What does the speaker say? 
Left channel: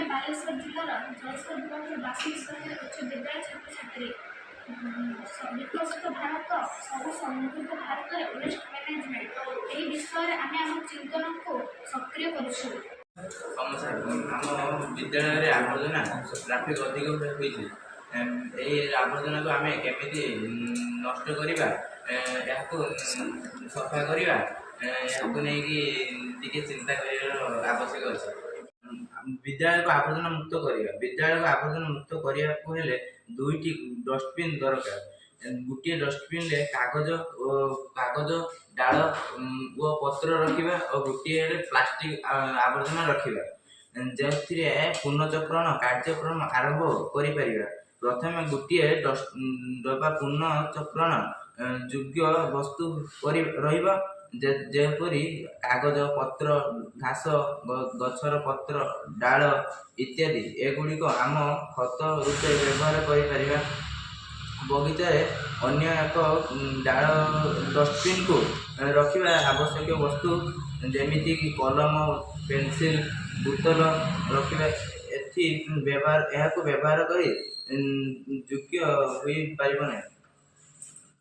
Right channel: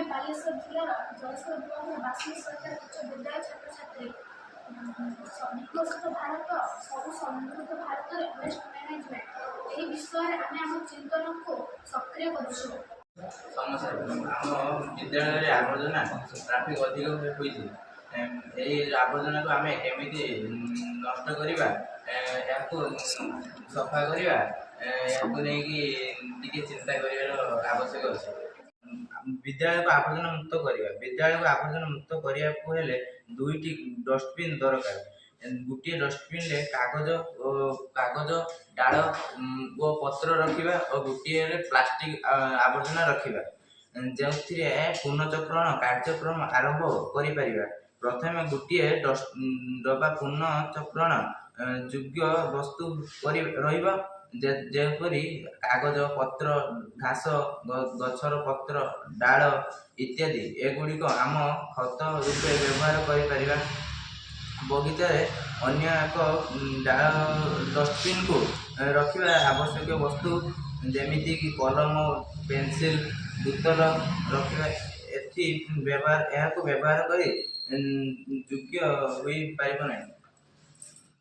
ଆମେ ବାଲେଶ୍ୱର ଜିଲ୍ଲାର ଜଳେଶ୍ୱର ବ୍ଲକର ବାସୀ ସରକାରୀ ଉଚ୍ଚ ବିଦ୍ୟାଳୟ ଛାତ୍ରଛାତ୍ରୀ ବିକଶିତ ଭାରତ ସବୁ ସମୃଦ୍ଧ ଭାରତରେ ୱେଷ୍ଟ ମ୍ୟାନେଜମେଣ୍ଟ ଏହି ବିଷୟରେ ଆମେ ଆମ ଚିନ୍ତନକୁ ସକ୍ରିୟ କରୁଛୁ। ସମସ୍ୟା ଆମ ବିଦ୍ୟାଳୟରେ ଆବର୍ଜନା ଟ୍ରାଫିକ୍ ଅଧିକ ହୋଇଛି। ଏହି ଆବର୍ଜନାକୁ ଆମେ କେମିତି ନଷ୍ଟ କରିବା, ଏହାକୁ ସଫା କରିବା, ଏହାକୁ ନେଇକି ଟିକେ ଚିନ୍ତା କରିବାର ଆବଶ୍ୟକ ଅଛି। ବିଦ୍ୟାଳୟକୁ ଆବର୍ଜନା ମୁକ୍ତ କରିବା। ବିଦ୍ୟାଳୟକୁ ଆବର୍ଜନା ମୁକ୍ତ କରିବାକୁ ହେଲେ 2ଟି ଡଷ୍ଟବିନ୍ ଦରକାର। ଗୋଟିଏ ଡଷ୍ଟବିନ୍ରେ କାଗଜ ଡାଳ ଓ ପତ୍ର ରଖିବା ଓ ଗୋଟିଏରେ ପ୍ଲାଷ୍ଟିକ୍ ଆବର୍ଜନା ରଖିବା, ଯେଉଁଥିରେ ପୁନଃଚକ୍ରଣ କାର୍ଯ୍ୟକ୍ରମ ଆରମ୍ଭ କରିପାରିବା। ପ୍ରଥମେ ଗୋଟିଏ ଡବା ପୁନଃଚକ୍ରଣ ଯୋଗ୍ୟ ବସ୍ତୁ ରହିବ, ଯେପରି କାଗଜ, ପତ୍ର, ଘାସ, ଗଛର ପତ୍ର, ଡାଳ ଇତ୍ୟାଦି। ଏଗୁଡ଼ିକ ଆମ ଖତ ରୂପେ ବ୍ୟବହାର କରିପାରିବା। ବଗିଚାରେ ଅନ୍ୟ ଏକ ଡଷ୍ଟବିନ୍କୁ ରଖିବା ଆବଶ୍ୟକୀୟ ବସ୍ତୁ ଯେମିତିକି କଲମ, ପେନସିଲ, ବୋତଲ ରଖିବା। ଏହାକୁ ବ୍ୟବହାର କରି ଯୋଗ୍ୟ ହୋଇପାରିବ ନାହିଁ।